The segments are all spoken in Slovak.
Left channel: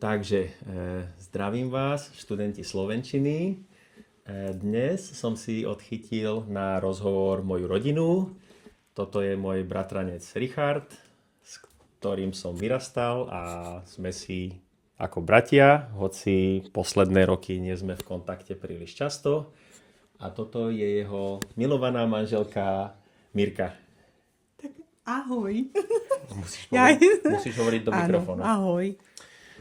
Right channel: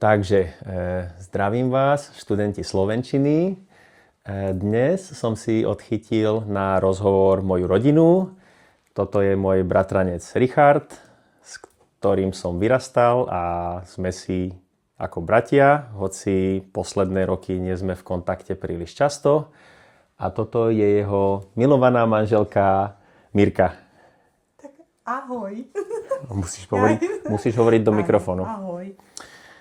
Takže zdravím vás, študenti slovenčiny. Dnes som si odchytil na rozhovor moju rodinu. Toto je môj bratranec Richard, s ktorým som vyrastal a sme si ako bratia, hoci posledné roky nie sme v kontakte príliš často. A toto je jeho milovaná manželka Mirka. Tak ahoj. Musíš hovoriť do mikrofónu. Ahoj.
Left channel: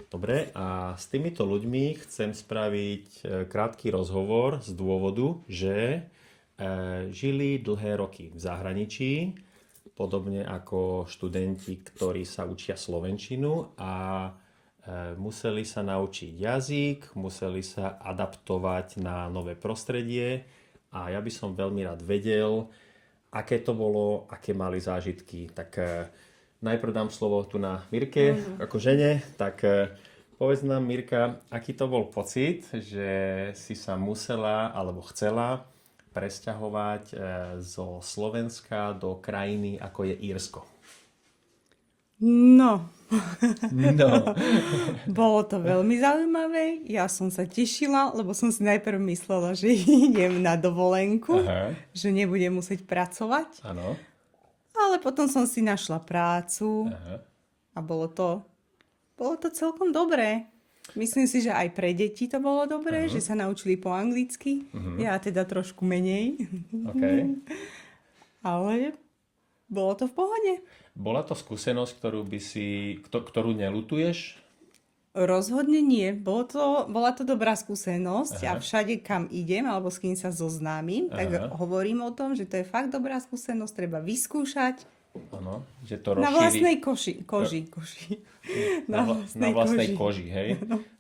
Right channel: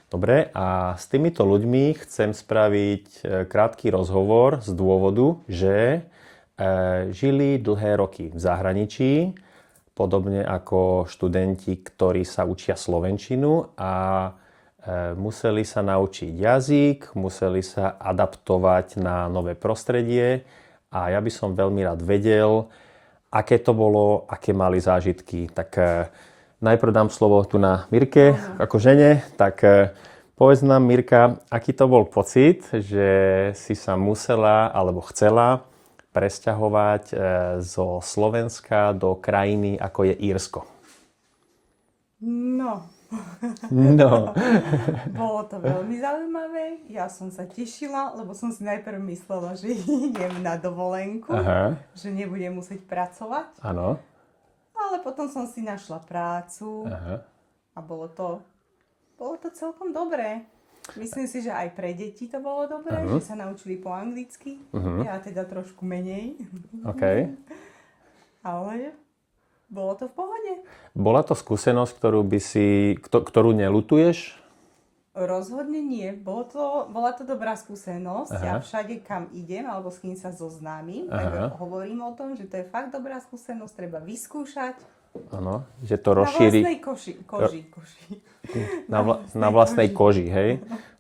Dobre, a s týmito ľuďmi chcem spraviť krátky rozhovor z dôvodu, že žili dlhé roky v zahraničí, podobne ako študenti, ktorí sa učia slovenčinu a museli sa naučiť jazyk, museli sa adaptovať na nové prostredie a ja by som veľmi rád vedel, aké to bolo, aké mali zážitky. Tak najprv dám slovo tu na Mirke, ako žene. Tak povedz nám, Mirka, aký to bol pocit, že si sa musela alebo chcela presťahovať zo Slovenska do krajiny, ako je Írsko? No. No. Bolo to veľmi zaujímavé. Ja som sa tešila, lebo som si najprv myslela, že idem na dovolenku, že nebudem musieť pracovať. Áno. Ale potom som si našla prácu a bolo to celkom dobré. Myslím si, že aj pre deti to bolo dobré, že sa naučili po anglicky. Ja teda trošku menej. Okay. Ale bolo to v pohode. Bola to skúsenosť, ktorú neľutuješ? Rozhodne nie. Bola to dobrá skúsenosť a všade, kam idem alebo s kým sa zoznámim, tak hovorím o tom, že to je fakt dobrá skúsenosť, treba vyskúšať. Áno, že to rozšíri... Na vlastnej koži. Na vlastnej koži, hej?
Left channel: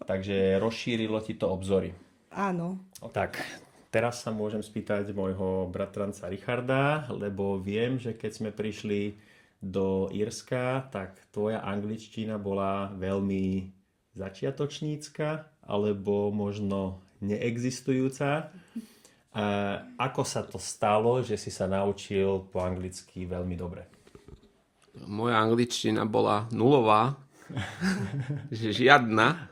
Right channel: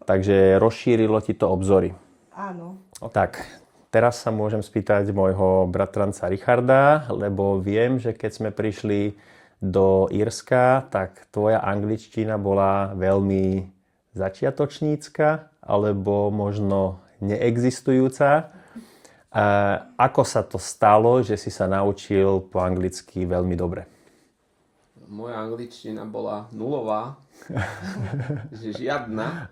Takže rozšírilo ti to obzory. Áno. Tak, teraz sa môžem spýtať môjho bratranca Richarda, lebo viem, že keď sme prišli do Írska, tak tvoja angličtina bola veľmi začiatočnícka, alebo možno neexistujúca. Ako sa to stalo, že si sa naučil po anglicky veľmi dobre? Moja angličtina bola nulová, že žiadna.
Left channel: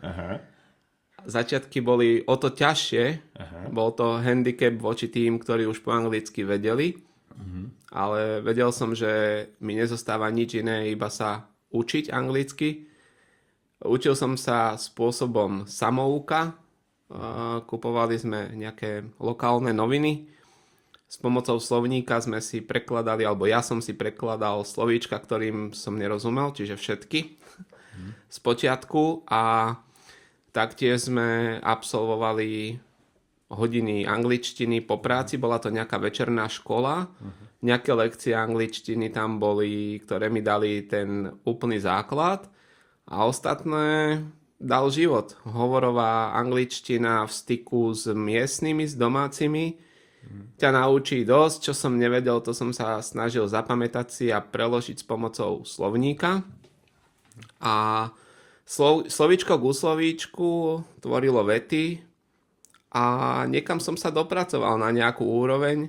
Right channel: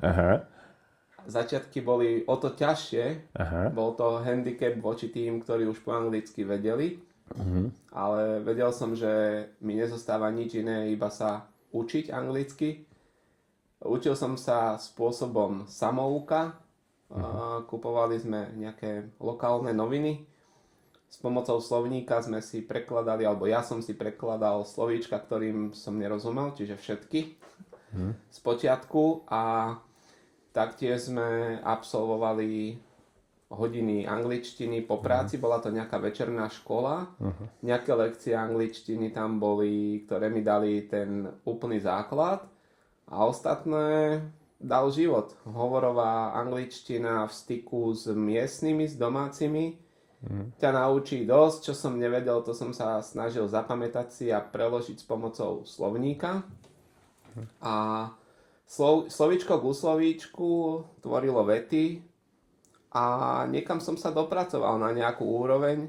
Začiatky boli o to ťažšie. Bol to handicap voči tým, ktorí už po anglicky vedeli. Ale vedel som, že mi nezostáva nič iné, iba sa učiť anglicky. Učil som sa spôsobom samouka. Kupovali sme nejaké lokálne noviny. S pomocou slovníka sme si prekladali, alebo ja som si prekladal slovíčka, ktorým som nerozumel, čiže všetky z počiatku. A taktiež sme absolvovali hodiny angličtiny po práci. Bola to nejaká večerná škola. Nejaké lekcie angličtiny tam boli, ktoré mi dali ten úplný základ. A ostatné dal život. Hovorová angličtina v styku s miestnymi, s domácimi ťa naučí dosť. Čo som nevedel, to som sa snažil zapamätať si a preložiť s pomocou slovníka. A slovíčko k slovíčku tvorilo vety a niekam som sa dopracoval na nejakú úroveň.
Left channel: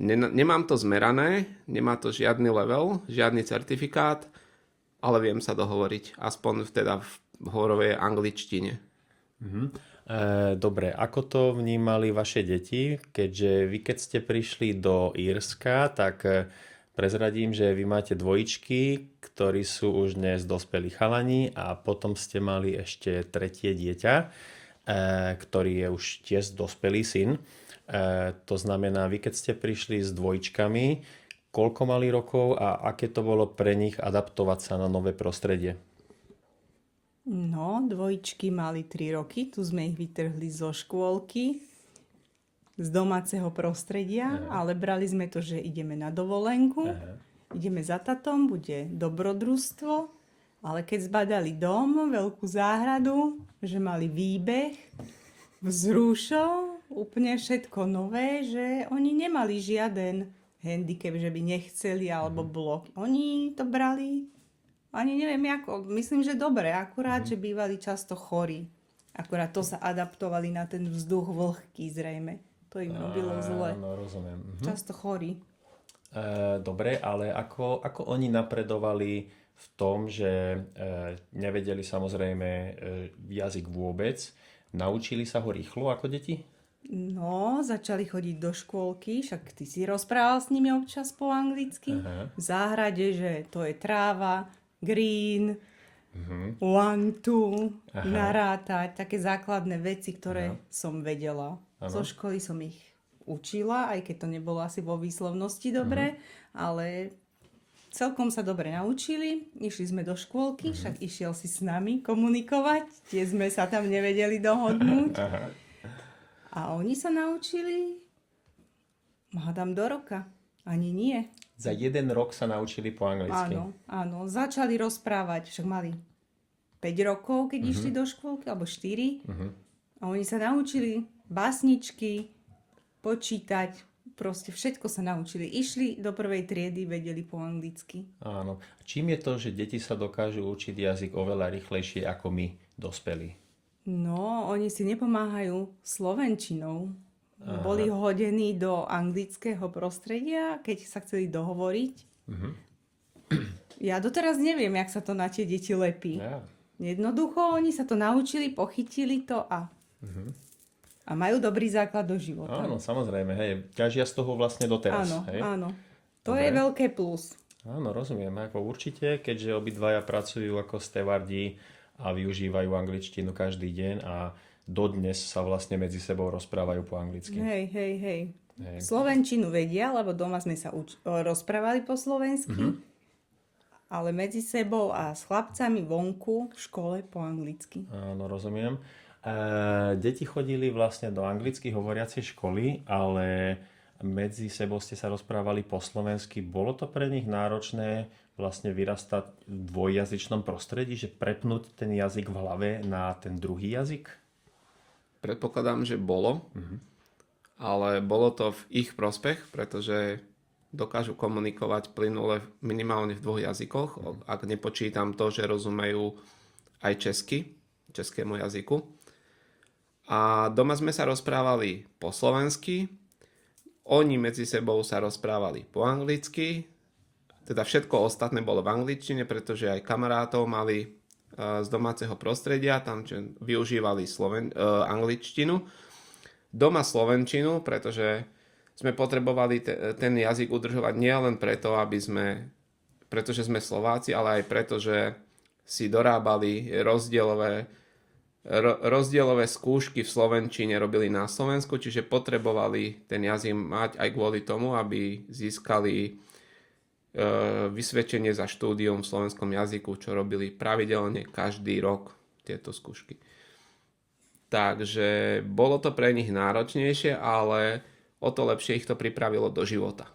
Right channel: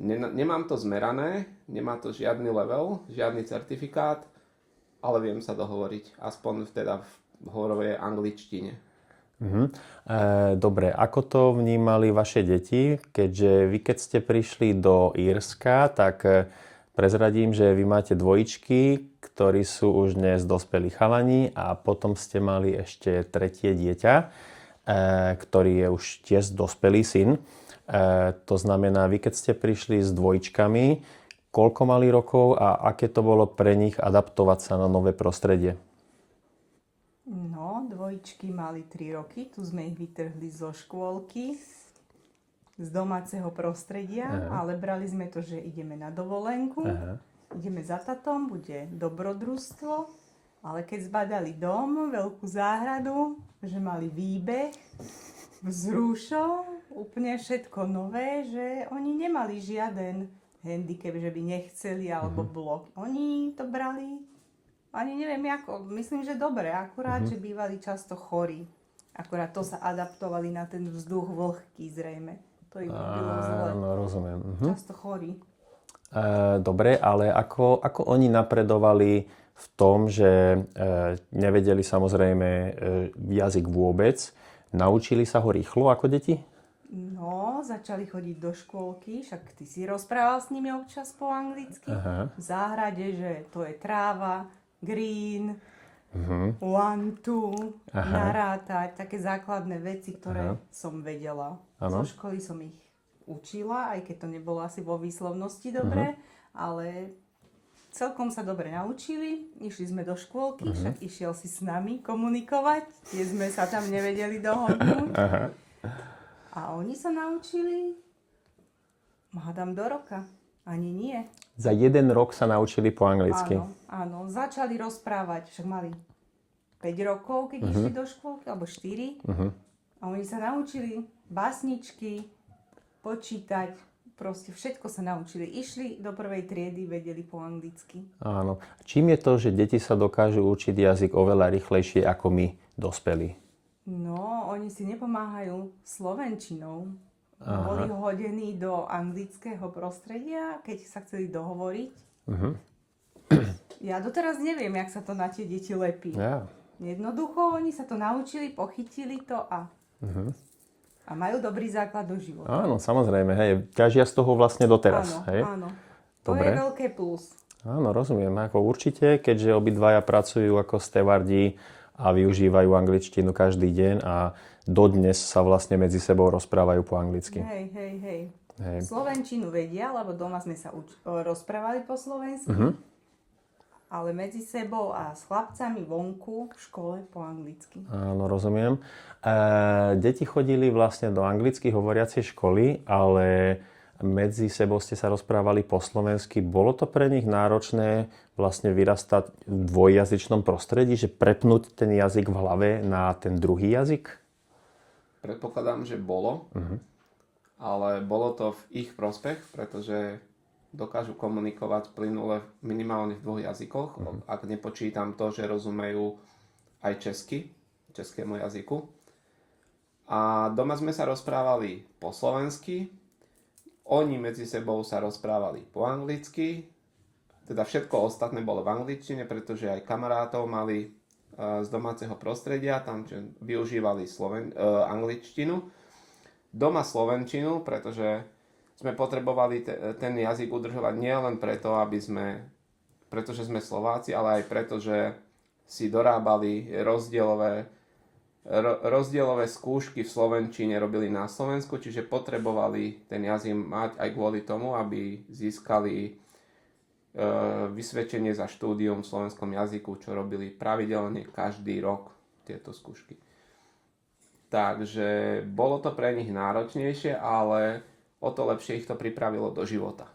Nemám to zmerané, nemá to žiadny level, žiadny certifikát, ale viem sa dohovoriť, aspoň teda v hovorovej angličtine. Dobre, ako to vnímali vaše deti? Keďže vy, keď ste prišli do Írska, tak prezradím, že vy máte dvojičky, ktorí sú už dnes dospelí chalani a potom ste mali ešte tretie dieťa, ktorý je už tiež dospelý syn. To znamená, vy, keď ste prišli s dvojičkami, koľko mali rokov a aké to bolo pre nich adaptovať sa na nové prostredie? No, dvojičky mali 3 roky, tu sme ich vytrhli zo škôlky, z domáceho prostredia, ale brali sme to, že ideme na dovolenku, ideme za tatom, bude dobrodružstvo, ale keď zbadali dom, veľkú záhradu, že mali výbeh, vzrušov, úplne všetko nové, že oni nemali žiaden handicap, že by nechceli alebo blok. Oni to brali ani neviem ako, myslím, že dobre, akurát, že bývali často chorí. Akurát to sa adaptovali na ten vzduch vlhký zrejme. To im bylo zle. No, rozumiem. Často chorí. Dobre, ale ako oni napredovali v tom, že nevedeli samozrejme jazyk vôbec. Naučili sa ho rýchlo ako deti? No, začali chodiť do škôlky, však ty si rozprával s nimi občas po anglicky. Aha. V záhrade, že to je tráva, green, one, two, narátať, také základné veci, ktoré som vedela. Zo školy som ich učila, aj keď to nebolo asi vo výslovnosti dobre, ale celkom sa dobre naučili. Išli sme do škôlky, však išiel si s nami komunikovať, tie sme sa tam nevedeli dohodnúť. A oni sa naučili, hádam do roka, ani nie. Za 1 rok sa naučili po anglicky. Áno, začali rozprávať, však mali 5 rokov, keď išli do škôlky, alebo 4. A oni sa naučili básničky, počítať, proste všetko sa naučili. Išli do prvej triedy, vedeli po anglicky. Áno. Čím je to, že deti sa dokážu učiť jazyk oveľa rýchlejšie ako my, dospelí? No, oni si nepomáhajú slovenčinou. Boli hodení do anglického prostredia, keď sa chceli dohovoriť. Ja doteraz neviem, jak sa to na tie deti lepí. Ja. Jednoducho, oni sa to naučili, pochytili to a majú dobrý základ do života. Áno, samozrejme, hej. Ťažia z toho vlastne doteraz. Áno, hej? áno. To Dobre. je veľké plus. Áno, rozumiem. Ako určite, keďže obidvaja pracujú ako stevardi a využívajú angličtinu každý deň a dodnes sa vlastne medzi sebou rozprávajú po anglicky. Hej. Slovenčinu vedia, lebo doma sme sa rozprávali po slovensky, ale medzi sebou a s chlapcami vonku v škole po anglicky. Áno, rozumiem. Deti chodili vlastne do anglicky hovoriacej školy, ale medzi sebou ste sa rozprávali po slovensky. Bolo to pre nich náročné vlastne vyrastať v dvojjazyčnom prostredí, že prepnúť ten jazyk v hlave na ten druhý jazyk? Predpokladám, že bolo, ale bolo to v ich prospech, pretože dokážu komunikovať plynule minimálne v 2 jazykoch, ak nepočítam to, že rozumejú aj českému jazyku. A doma sme sa rozprávali po slovensky, oni medzi sebou sa rozprávali po anglicky, teda všetko ostatné bolo v angličtine, pretože aj kamarátov mali z domáceho prostredia, tam využívali angličtinu. Doma slovenčinu, pretože sme potrebovali ten jazyk udržovať nielen preto, pretože sme Slováci, ale aj preto, že si dorábali rozdielové skúšky v slovenčine robili na Slovensku, čiže potrebovali ten jazyk mať aj kvôli tomu, aby získali vysvedčenie za štúdium v slovenskom jazyku, čo robili pravidelne každý rok tieto skúšky. Takže bolo to pre nich náročnejšie, ale o to lepšie ich to pripravilo do života.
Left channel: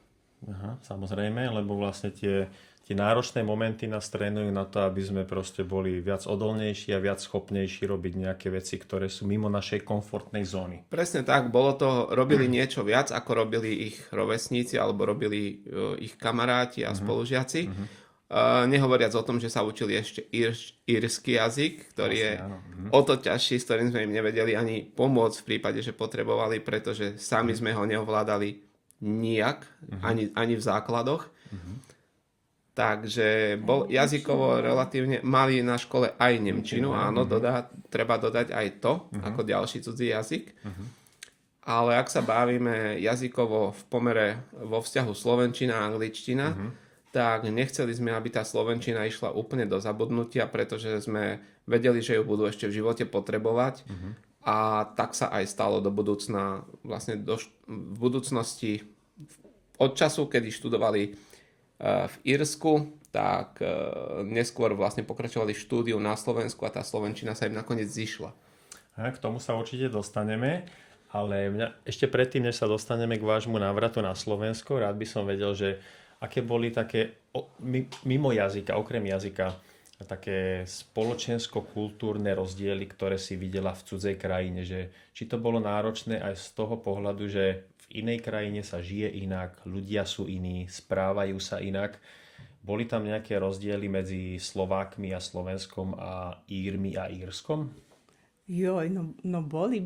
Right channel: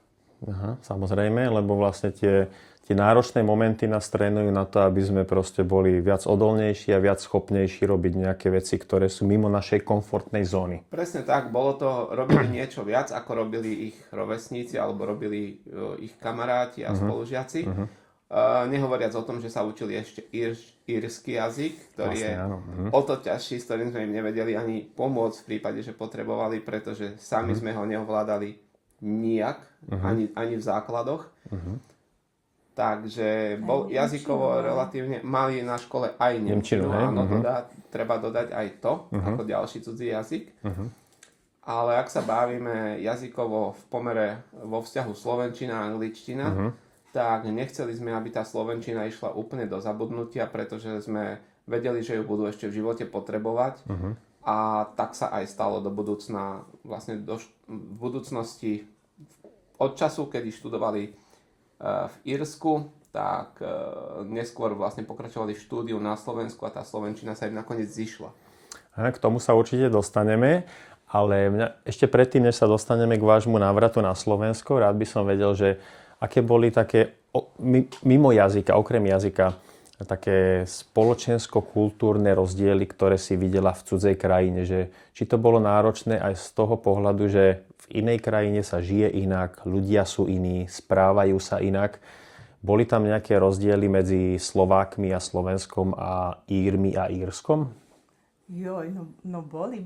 Aha, samozrejme, lebo vlastne tie náročné momenty nás trénujú na to, aby sme proste boli viac odolnejší a viac schopnejší robiť nejaké veci, ktoré sú mimo našej komfortnej zóny. Presne tak, robili niečo viac, ako robili ich rovesníci alebo robili ich kamaráti a spolužiaci. Nehovoriac o tom, že sa učili ešte írsky jazyk, ktorý je o to ťažší, s ktorým sme im nevedeli ani pomôcť v prípade, že potrebovali, pretože sami sme ho neovládali nijak, ani v základoch. Takže jazykovo relatívne mali na škole aj nemčinu, áno, treba dodať aj to, ako ďalší cudzí jazyk. Ale ak sa bavíme jazykovo v pomere vo vzťahu slovenčina a angličtina, tak nechceli sme, aby tá slovenčina išla úplne do zabudnutia, pretože sme vedeli, že ju budú ešte v živote potrebovať. A tak sa aj stalo do budúcna, vlastne v budúcnosti od času, kedy študovali v Írsku, tak neskôr vlastne pokračovali v štúdiu na Slovensku a tá slovenčina sa im nakoniec zišla. K tomu sa určite dostaneme, ale ešte predtým, než sa dostaneme k vášmu návratu na Slovensko, rád by som vedel, že aké boli také mimo jazyka, okrem jazyka, také spoločensko-kultúrne rozdiely, ktoré si videla v cudzej krajine, že či to bolo náročné aj z toho pohľadu, že v inej krajine sa žije inak, ľudia sú iní, správajú sa inak. Boli tam nejaké rozdiely medzi Slovákmi a Slovenskom a Írmi a Írskom? Joj, no boli.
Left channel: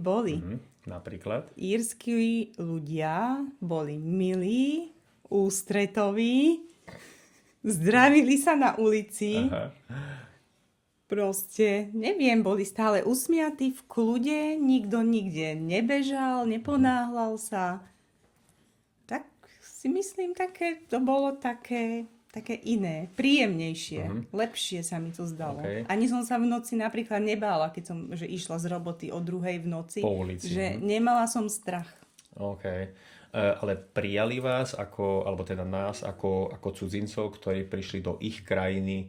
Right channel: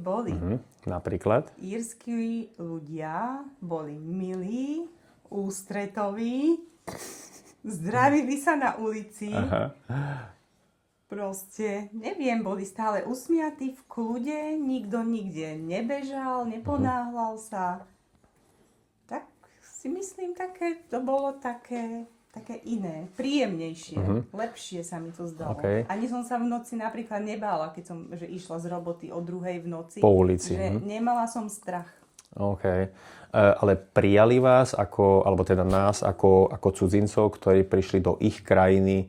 Napríklad? Írsky ľudia boli milí, ústretoví Zdravili sa na ulici. Aha. Proste, neviem, boli stále usmiatí v kľude, nikto nikde nebežal, neponáhľal sa. Tak si myslím, to bolo také iné, príjemnejšie, lepšie sa mi to zdalo. Okay. Ani som sa v noci napríklad nebála, keď som išla z roboty o 2:00 v noci. Po ulici. Že nemala som strach. OK. Ale prijali vás, alebo teda nás, ako cudzincov, ktorí prišli do ich krajiny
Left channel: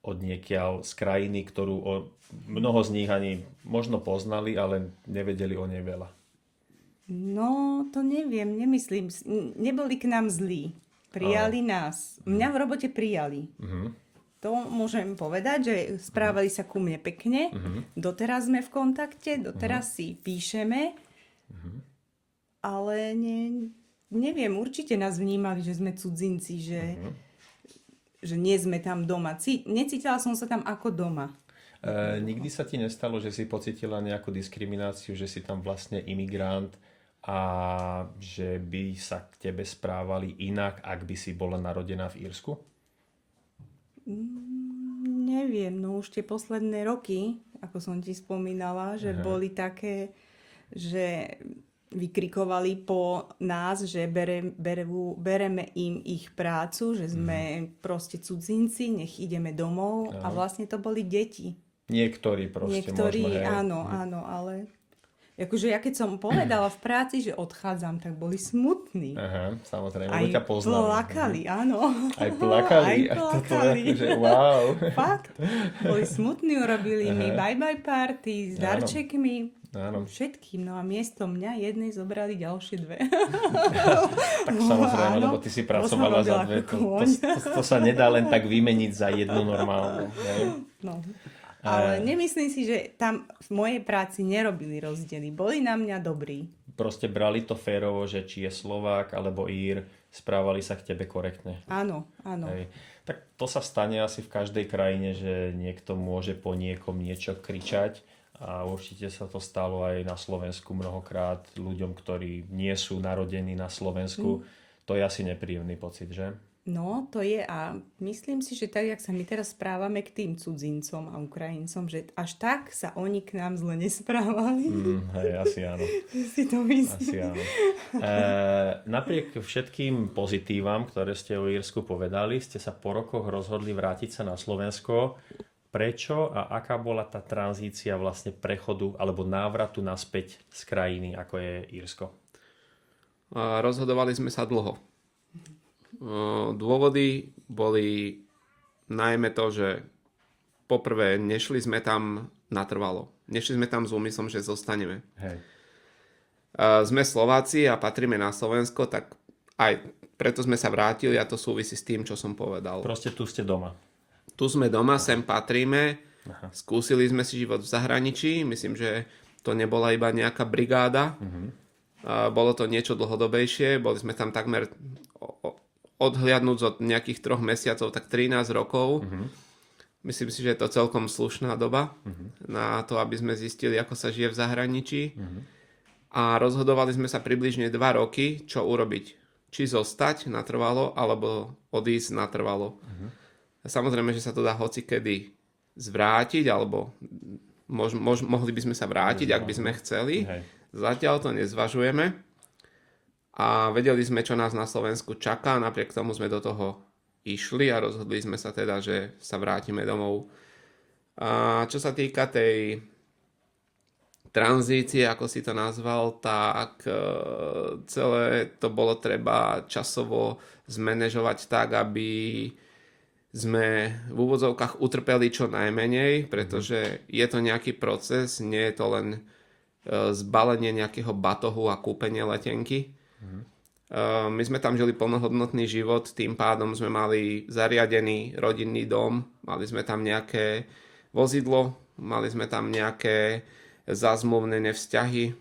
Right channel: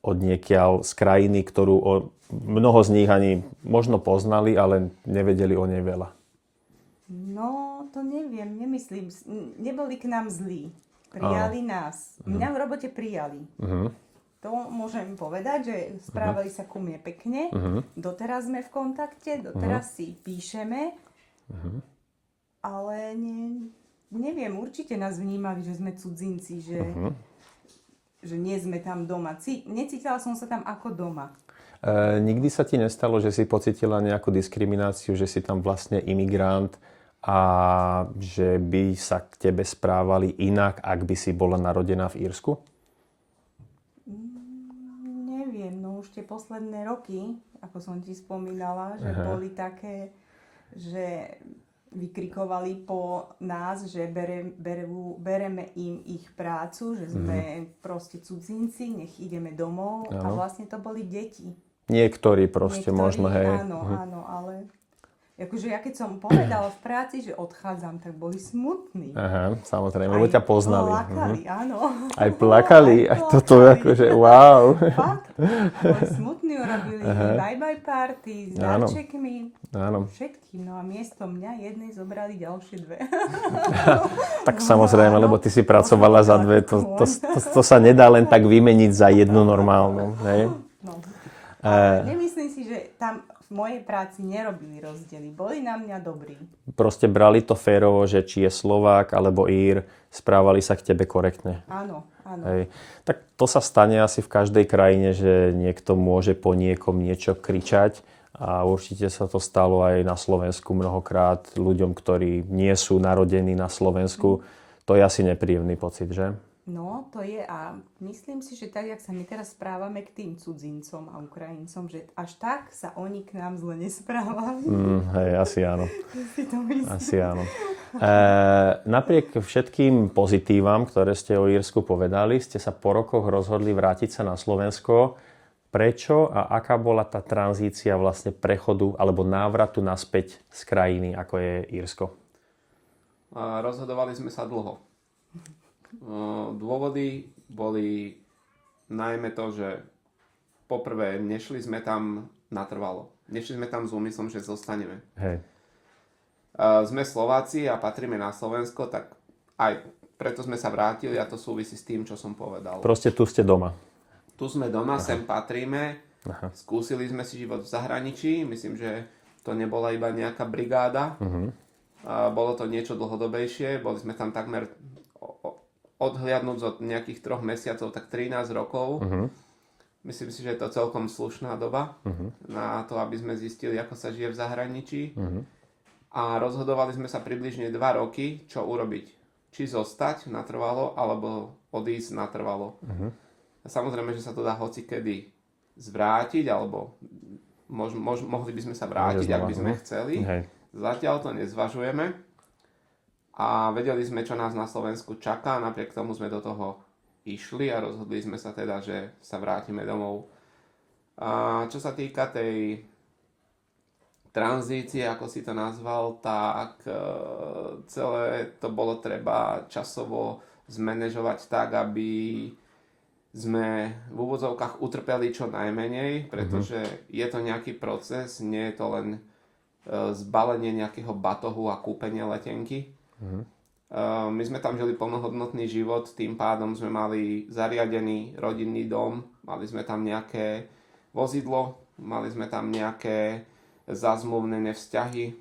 odniekiaľ, z krajiny, ktorú mnoho z nich ani možno poznali, ale nevedeli o nej veľa. No, to neviem, nemyslím. Neboli k nám zlí. Prijali nás. Mňa v robote prijali. To môžem povedať, že správali sa ku mne pekne. Doteraz sme v kontakte, doteraz si píšeme. Ale neviem, určite nás vnímali, že sme cudzinci, že nie sme tam doma. Necítila som sa tam ako doma. Nikdy sa ti nestalo, že si pocítila nejakú diskrimináciu, že si tam vlastne imigrant a že by sa k tebe správali inak, ak by si bola narodená v Írsku? Neviem, no už tie posledné roky, ako som ti spomínala, že boli také, že vykrikovali po nás, že bereme im ich prácu, že sme proste cudzinci, nech ideme domov. A vlastne to boli deti. Niektorí možno, hej. Áno, ale akože ja keď som povedala v práci, že odchádzam, tak boli smutní. Aha, samozrejme, lebo ťa poznali. Plakali, áno. Aj plakali? Aj toto akože, wow. Fakt. Boli smutní, urobili mi bye-bye party s darčekmi. Áno. Všetkým. No a miesto mňa jednej zobrali ďalšie dve. Tak samozrejme, lebo ty si pracovala za dve. To sa nedá len tak vymeniť za jednu normálnu. Hej? No. Ale nemyslím si, že tam v mojej práci nerobili rozdiely. Boli na mňa dobrí. Proste brali to férovo, že či je Slovák alebo Ír, správali sa k tebe korektne. Áno. Hej. Tak to sa stane asi v každej krajine, že niekto môže po niekom niečo kričať a určite sa to stalo aj na Slovensku mnohokrát ľuďom, ktorí nie sú narodení na Slovensku. To je asi nepríjemný pocit, že? No, to je a myslím si, že tak, jak sa my teraz správame k tým cudzincom a Ukrajincom, že až tak sa oni k nám zle nesprávali. Hej, asi áno. Si to myslím. Asi áno. Napriek všetkým pozitívam, ktoré ste o Írsku povedali, ste sa po rokoch rozhodli vrátiť sa na Slovensko. Prečo a aká bola tá tranzícia vlastne prechodu alebo návratu naspäť z krajiny, ako je Írsko? Rozhodovali sme sa dlho. Dôvody boli najmä to, že poprvé nešli sme tam natrvalo. Nešli sme tam s úmyslom, že zostaneme. Hej. Sme Slováci a patríme na Slovensko, tak aj preto sme sa vrátili a to súvisí s tým, čo som povedal. Proste tu ste doma. Tu sme doma, sem patríme. Skúsili sme si život v zahraničí. Myslím, že to nebola iba nejaká brigáda. Bolo to niečo dlhodobejšie. Boli sme tam takmer odhliadnúť od nejakých 3 mesiacov, tak 13 rokov. Myslím si, že je to celkom slušná doba na to, aby sme zistili, ako sa žije v zahraničí. A rozhodovali sme sa približne 2 roky, čo urobiť. Či zostať natrvalo, alebo odísť natrvalo. Samozrejme, že sa to dá hocikedy zvrátiť, alebo mohli by sme sa vrátiť, ak by sme chceli. Zatiaľ to nezvažujeme. A vedeli sme, čo nás na Slovensku čaká, napriek tomu sme do toho išli a rozhodli sme sa teda, že sa vrátime domov. A čo sa týka tej tranzície, ako si to nazval, tak celé to bolo treba časovo zmanéžovať tak, aby sme v úvodzovkách utrpeli čo najmenej, pretože je to nejaký proces, nie je to len zbalenie nejakého batohu a kúpenie letenky. My sme tam žili plnohodnotný život, tým pádom sme mali zariadený rodinný dom, mali sme tam nejaké vozidlo, mali sme tam nejaké zazmluvnené vzťahy,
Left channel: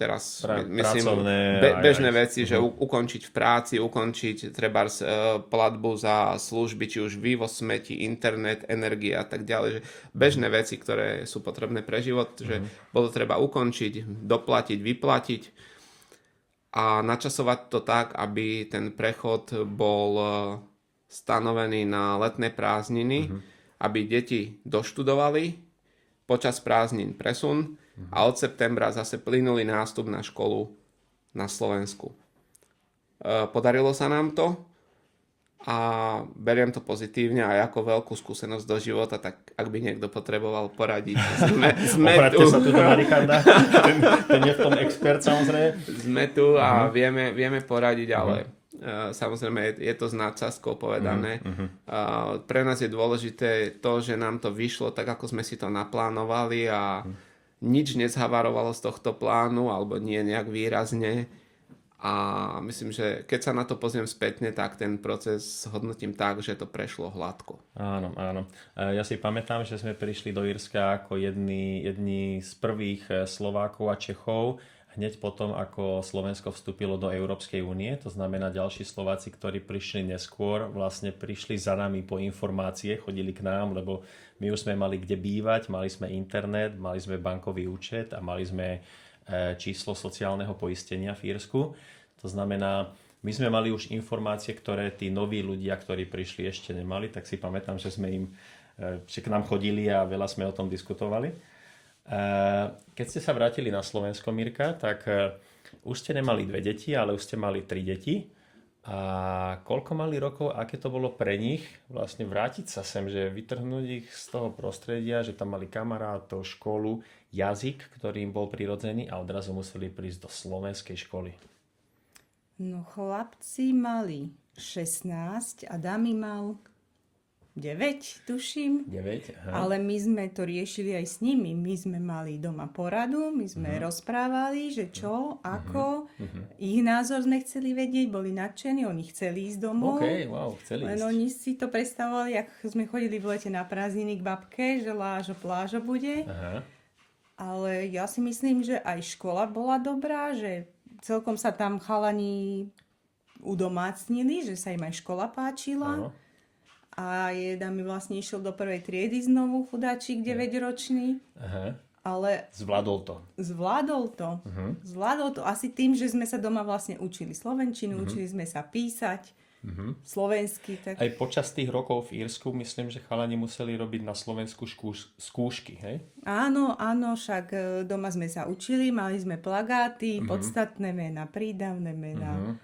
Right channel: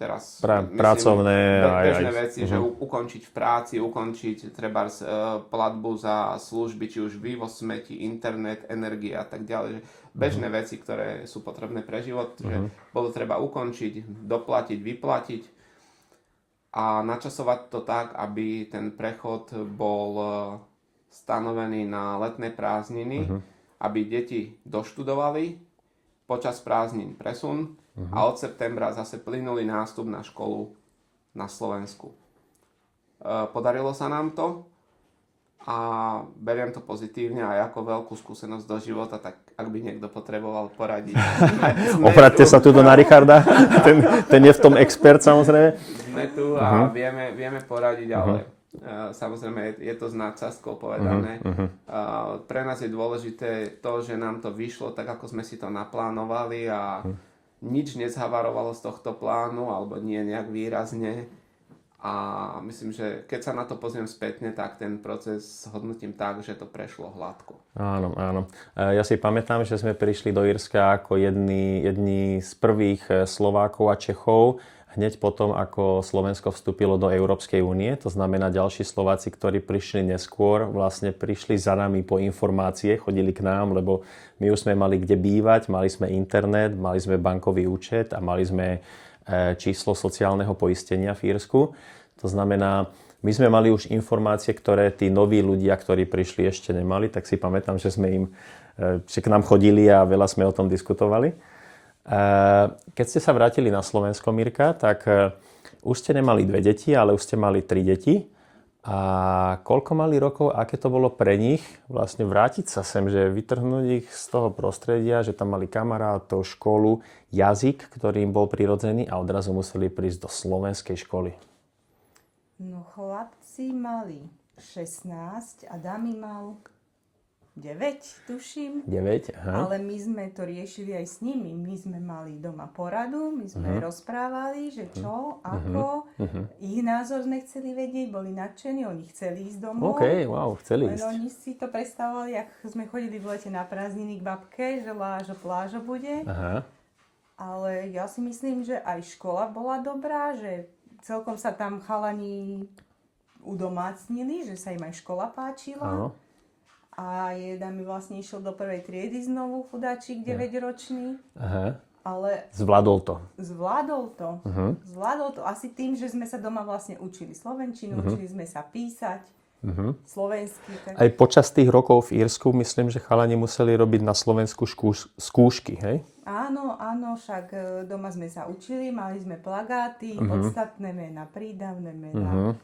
teraz pracovné bežné veci, že ukončiť v práci, ukončiť trebárs platbu za služby, či už vývoz smetí, internet, energia a tak ďalej, že bežné veci, ktoré sú potrebné pre život, že bolo treba ukončiť, doplatiť, vyplatiť a načasovať to tak, aby ten prechod bol stanovený na letné prázdniny, aby deti doštudovali, počas prázdnin presun a od septembra zase plynulý nástup na školu na Slovensku. Podarilo sa nám to a beriem to pozitívne aj ako veľkú skúsenosť do života, tak ak by niekto potreboval poradiť. Obraťte sa tu na Richarda, ten je v tom expert samozrejme. Sme tu a vieme poradiť, ale samozrejme je to s nadsázkou povedané. Pre nás je dôležité to, že nám to vyšlo tak, ako sme si to naplánovali a nič nezhavarovalo z tohto plánu, alebo nie nejak výrazne. A myslím, že keď sa na to pozriem spätne, tak ten proces hodnotím tak, že to prešlo hladko. Áno, áno. Ja si pamätám, že sme prišli do Írska ako jedni z prvých Slovákov a Čechov, hneď potom, ako Slovensko vstúpilo do Európskej únie. To znamená, ďalší Slováci, ktorí prišli neskôr, vlastne prišli za nami po informácie, chodili k nám, lebo my už sme mali kde bývať, mali sme internet, mali sme bankový účet a mali sme číslo sociálneho poistenia v Írsku. To znamená, my sme mali už informácie, ktoré tí noví ľudia, ktorí prišli, ešte nemali, tak si pamätám, že že k nám chodili a veľa sme o tom diskutovali. Keď ste sa vrátili na Slovensko, Mirka, tak už ste nemali 2 deti, ale už ste mali 3 deti. A koľko mali rokov, aké to bolo pre nich vlastne vrátiť sa sem, že vytrhnúť ich z toho prostredia, že tam mali kamarátov, školu, jazyk, ktorý im bol prirodzený a odrazu museli prísť do slovenskej školy. No chlapci mali 16 a dámy mal 9, tuším. 9, aha. Ale my sme to riešili aj s nimi. My sme mali doma poradu, my sme rozprávali, že čo, ako. Ich názor sme chceli vedieť, boli nadšení, oni chceli ísť domov. OK, wow, chceli Len ísť. oni si to predstavovali, ako sme chodili v lete na prázdniny k babke, že lážo plážo bude. Aha. Ale ja si myslím, že aj škola bola dobrá, že celkom sa tam chalani udomácnili, že sa im aj škola páčila. Áno. A jedna mi vlastne išiel do prvej triedy znovu, chudáčik 9-ročný. Aha. Ale Zvládol to. zvládol to. Zvládol to asi tým, že sme sa doma vlastne učili slovenčinu, učili sme sa písať slovensky. Tak... Aj počas tých rokov v Írsku, myslím, že chalani museli robiť na Slovensku skúšky, hej? Áno, však doma sme sa učili, mali sme plagáty, podstatné mená, prídavné mená.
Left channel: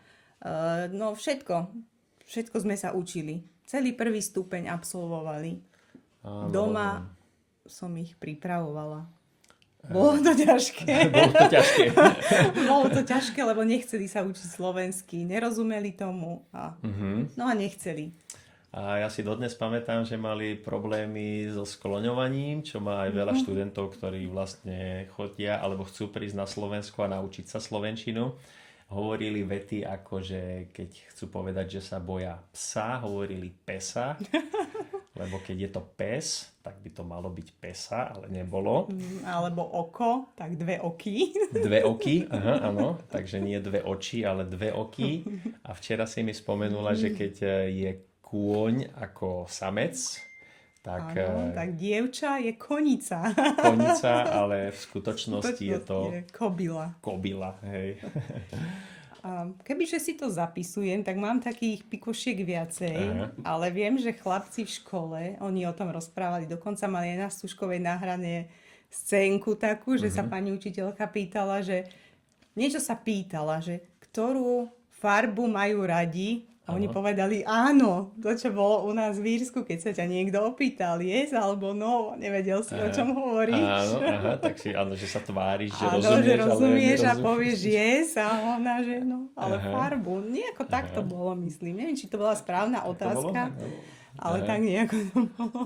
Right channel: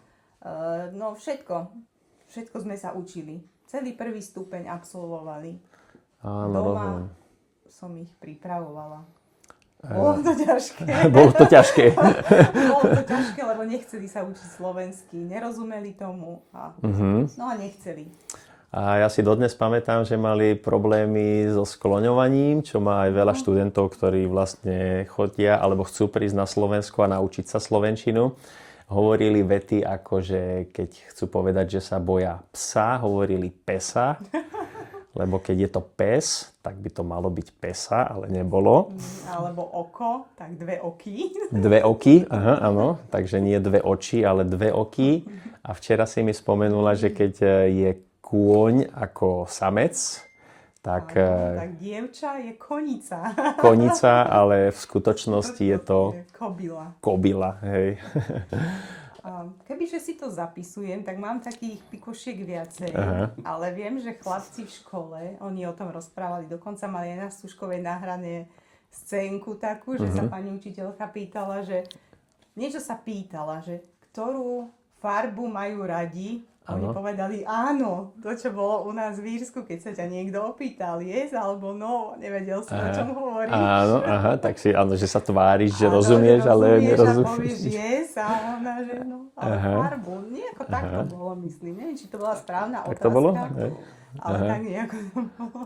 No všetko sme sa učili. Celý prvý stupeň absolvovali. Áno, Doma som ich pripravovala. Bolo to ťažké. Bolo to ťažké. Bolo to ťažké, lebo nechceli sa učiť slovensky. Nerozumeli tomu. No a nechceli. A ja si dodnes pamätám, že mali problémy so skloňovaním, čo má aj veľa študentov, ktorí vlastne chodia alebo chcú prísť na Slovensku a naučiť sa slovenčinu. Hovorili vety ako, že keď chcú povedať, že sa boja psa, hovorili pesa, lebo keď je to pes, tak by to malo byť pesa, ale nebolo. Alebo oko, tak 2 oky. 2 oky, aha, áno, takže nie 2 oči, ale 2 oky. A včera si mi spomenula, že keď je kôň ako samec, tak... Áno, tak dievča je konica. Konica, ale v skutočnosti je to... Kobila. Kobila, hej. Kebyže si to zapisujem, tak mám takých pikošiek viacej. Ale viem, že chlapci v škole, oni o tom rozprávali, dokonca mali na Stužkovej nahrané scénku takú, že sa pani učiteľka pýtala, že niečo sa pýtala, že ktorú farbu majú radi. A oni povedali áno, to čo bolo u nás v Írsku, keď sa ťa niekto opýtal, yes alebo no, nevedel si, o čom hovoríš. Áno, aha, tak si, áno, že sa tváriš, že áno, rozumieš, ale nerozumieš. A povieš yes a ona, že no, ale farbu. Nejako tak to bolo, myslím. Neviem, či to bola správna tak otázka, to bolo? Ale tak nejako to bolo.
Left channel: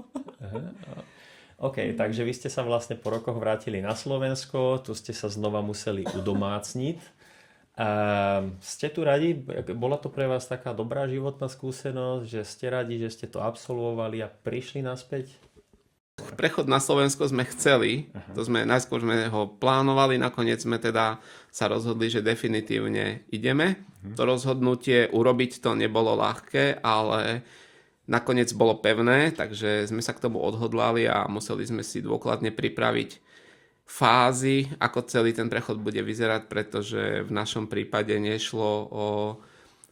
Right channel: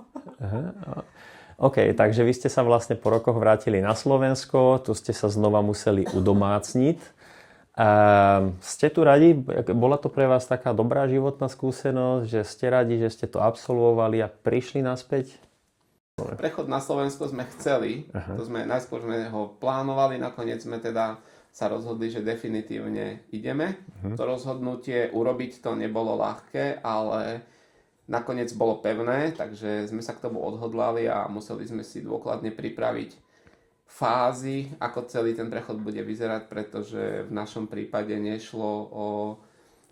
OK, takže vy ste sa vlastne po rokoch vrátili na Slovensko, tu ste sa znova museli udomácniť. Ste tu radi? Bola to pre vás taká dobrá životná skúsenosť, že ste radi, že ste to absolvovali a prišli naspäť? Prechod na Slovensko sme chceli, najskôr sme ho plánovali, nakoniec sme teda sa rozhodli, že definitívne ideme. To rozhodnutie urobiť to nebolo ľahké, ale nakoniec bolo pevné, takže sme sa k tomu odhodlali a museli sme si dôkladne pripraviť fázy, ako celý ten prechod bude vyzerať, pretože v našom prípade nešlo o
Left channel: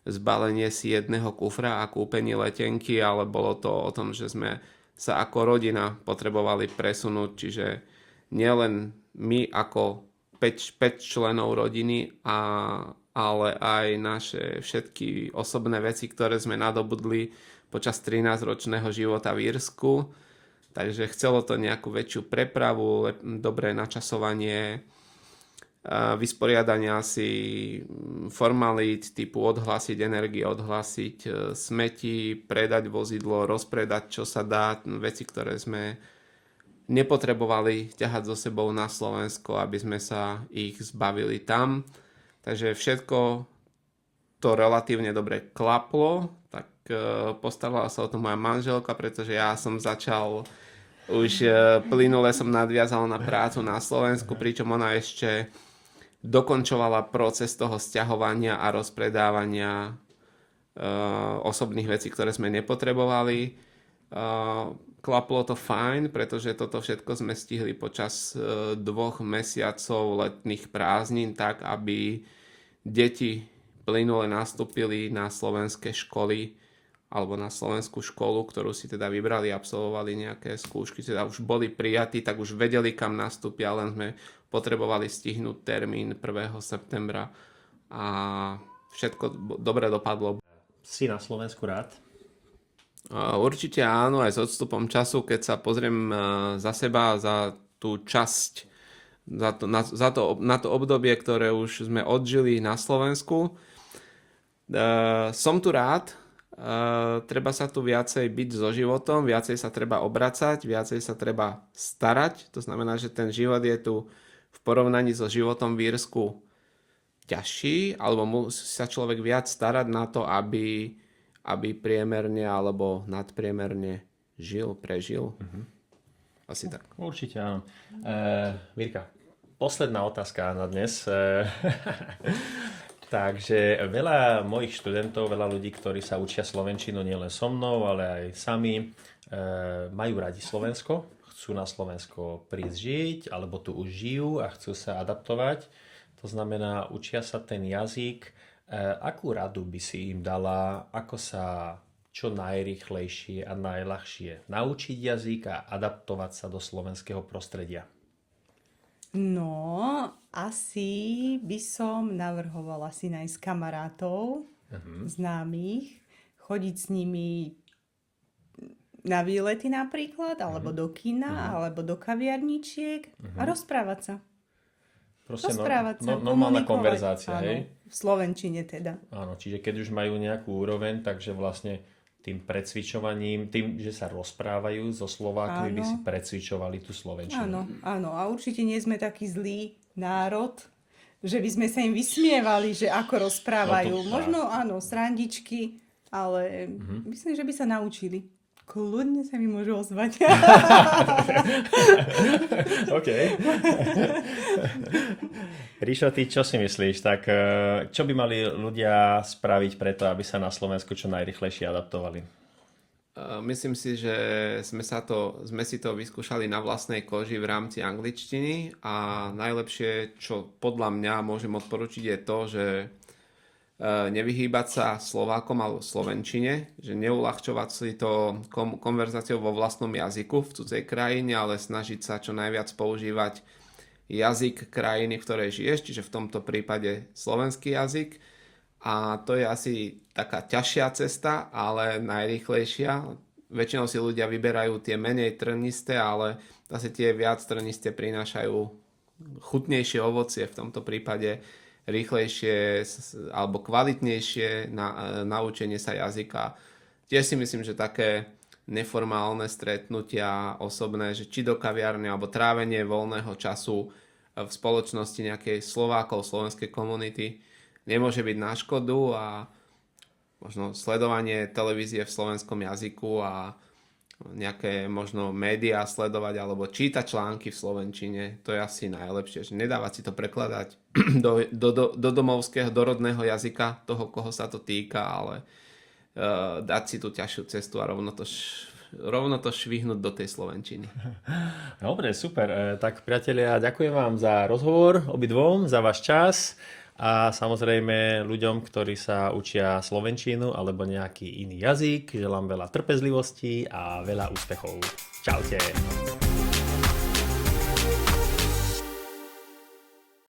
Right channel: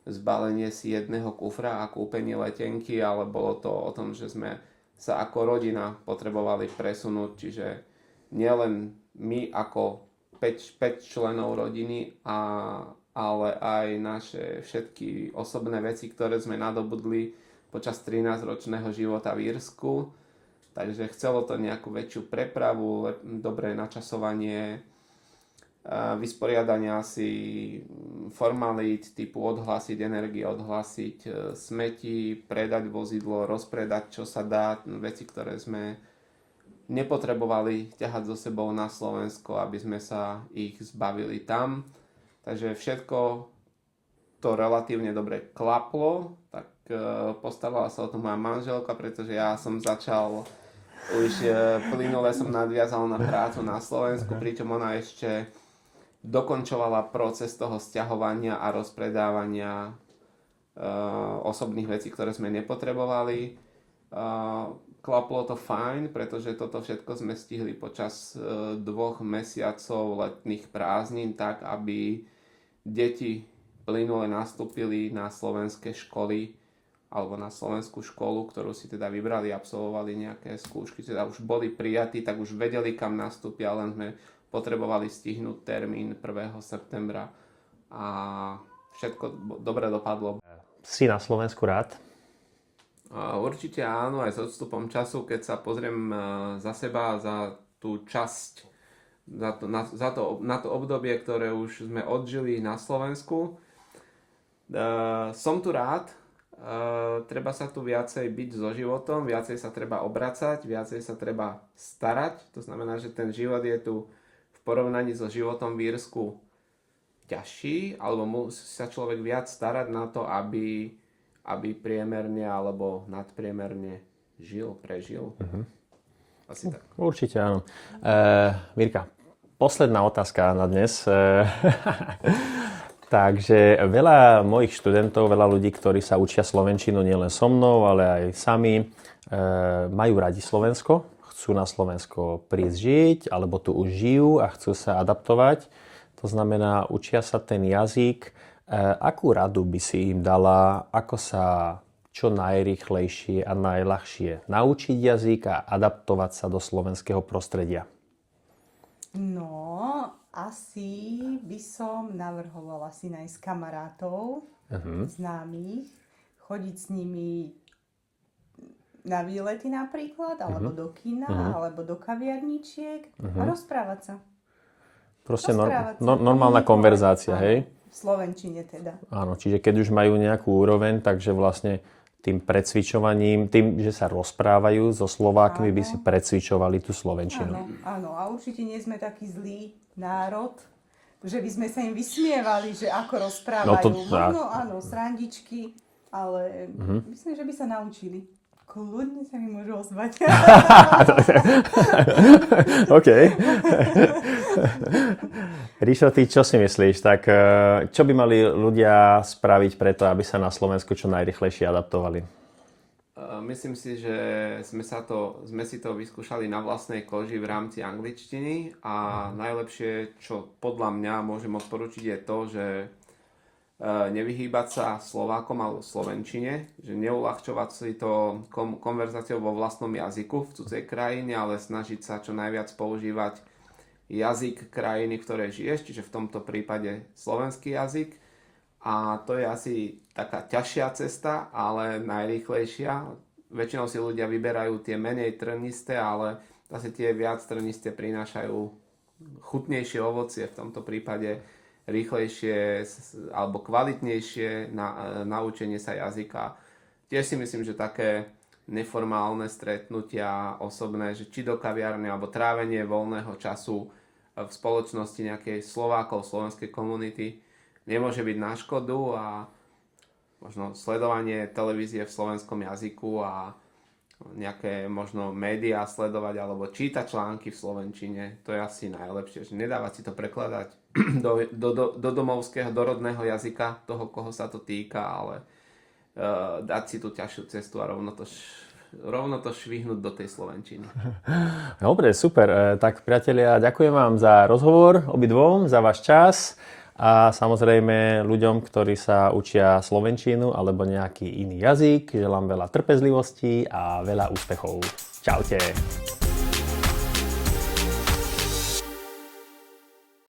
zbalenie si jedného kufra a kúpenie letenky, ale bolo to o tom, že sme sa ako rodina potrebovali presunúť, čiže nielen my ako 5 členov rodiny, ale aj naše všetky osobné veci, ktoré sme nadobudli počas 13-ročného života v Írsku. Takže chcelo to nejakú väčšiu prepravu, dobré načasovanie, vysporiadania si formalít typu odhlásiť energiu, odhlásiť smeti, predať vozidlo, rozpredať čo sa dá, veci, ktoré sme nepotrebovali ťahať so sebou na Slovensko, aby sme sa ich zbavili tam. Takže všetko to relatívne dobre klaplo, tak postarala sa o to moja manželka, pretože ja som začal už plynule som nadviazal na prácu na Slovensku, pričom ona ešte dokončovala proces toho sťahovania a rozpredávania osobných vecí, ktoré sme nepotrebovali. Klaplo to fajn, pretože toto všetko sme stihli počas 2 mesiacov letných prázdnin tak, aby deti plynule nastúpili na slovenské školy alebo na slovenskú školu, ktorú si teda vybrali, absolvovali nejaké skúšky, teda už boli prijatí, tak už vedeli, kam nastúpia, len sme potrebovali stihnúť termín 1. septembra a všetko dobre dopadlo. Si na Slovensku rád? Určite áno, aj s odstupom času, keď sa pozriem za seba, za tú časť, na to obdobie, ktoré už sme odžili na Slovensku. Som tu rád, treba sa tu viacej byť so životom, viacej sa treba obracať, viacej sa treba starať. To znamená, že ten život je tu v porovnaní so životom v Írsku ťažší, alebo musí sa človek viac starať na to, aby priemerne alebo nadpriemerne prežil. Asi tak. Určite áno. Mirka, posledná otázka na dnes. Takže veľa mojich študentov, veľa ľudí, ktorí sa učia slovenčinu nielen so mnou, ale aj sami, majú radi Slovensko, chcú na Slovensko prísť žiť, alebo tu už žijú a chcú sa adaptovať. To znamená, učia sa ten jazyk. Akú radu by si im dala, ako sa čo najrýchlejšie a najľahšie naučiť jazyk a adaptovať sa do slovenského prostredia? No, asi by som navrhovala si nájsť kamarátov, známych, chodiť s nimi na výlety napríklad, alebo do kina, alebo do kaviarničiek a rozprávať sa. Proste normálna konverzácia, hej? V slovenčine teda. Áno, čiže keď už majú nejakú úroveň, takže vlastne tým precvičovaním, tým, že sa rozprávajú so Slovákmi, by si precvičovali tú slovenčinu. Áno, a určite nie sme taký zlý národ, že by sme sa im vysmievali, že ako rozprávajú. Možno áno, srandičky, ale myslím, že by sa naučili. Kľudne sa mi môžu ozvať. OK. Ríšo, ty čo si myslíš? Tak čo by mali ľudia spraviť preto, aby sa na Slovensku čo najrýchlejšie adaptovali? Myslím si, že sme si to vyskúšali na vlastnej koži v rámci angličtiny a najlepšie, čo podľa mňa môžem odporučiť, je to, že nevyhýbať sa Slovákom alebo slovenčine, že neulahčovať si to konverzáciou vo vlastnom jazyku v cudzej krajine, ale snažiť sa čo najviac používať jazyk krajiny, v ktorej žiješ, čiže v tomto prípade slovenský jazyk. A to je asi taká ťažšia cesta, ale najrýchlejšia. Väčšinou si ľudia vyberajú tie menej trnisté, ale zase tie viac trnisté prinášajú chutnejšie ovocie, v tomto prípade rýchlejšie alebo kvalitnejšie naučenie sa jazyka. Tiež si myslím, že také neformálne stretnutia osobné, že či do kaviarne alebo trávenie voľného času v spoločnosti nejakej Slovákov, slovenskej komunity nemôže byť na škodu a možno sledovanie televízie v slovenskom jazyku a nejaké možno médiá sledovať alebo čítať články v slovenčine, to je asi najlepšie, že nedávať si to prekladať do domovského, do rodného jazyka toho, koho sa to týka, ale dať si tú ťažšiu cestu a rovno to švihnúť do tej slovenčiny. Dobre, super. Tak priatelia, ďakujem vám za rozhovor obidvom, za váš čas A samozrejme ľuďom, ktorí sa učia slovenčinu alebo nejaký iný jazyk, želám veľa trpezlivosti a veľa úspechov. Čaute.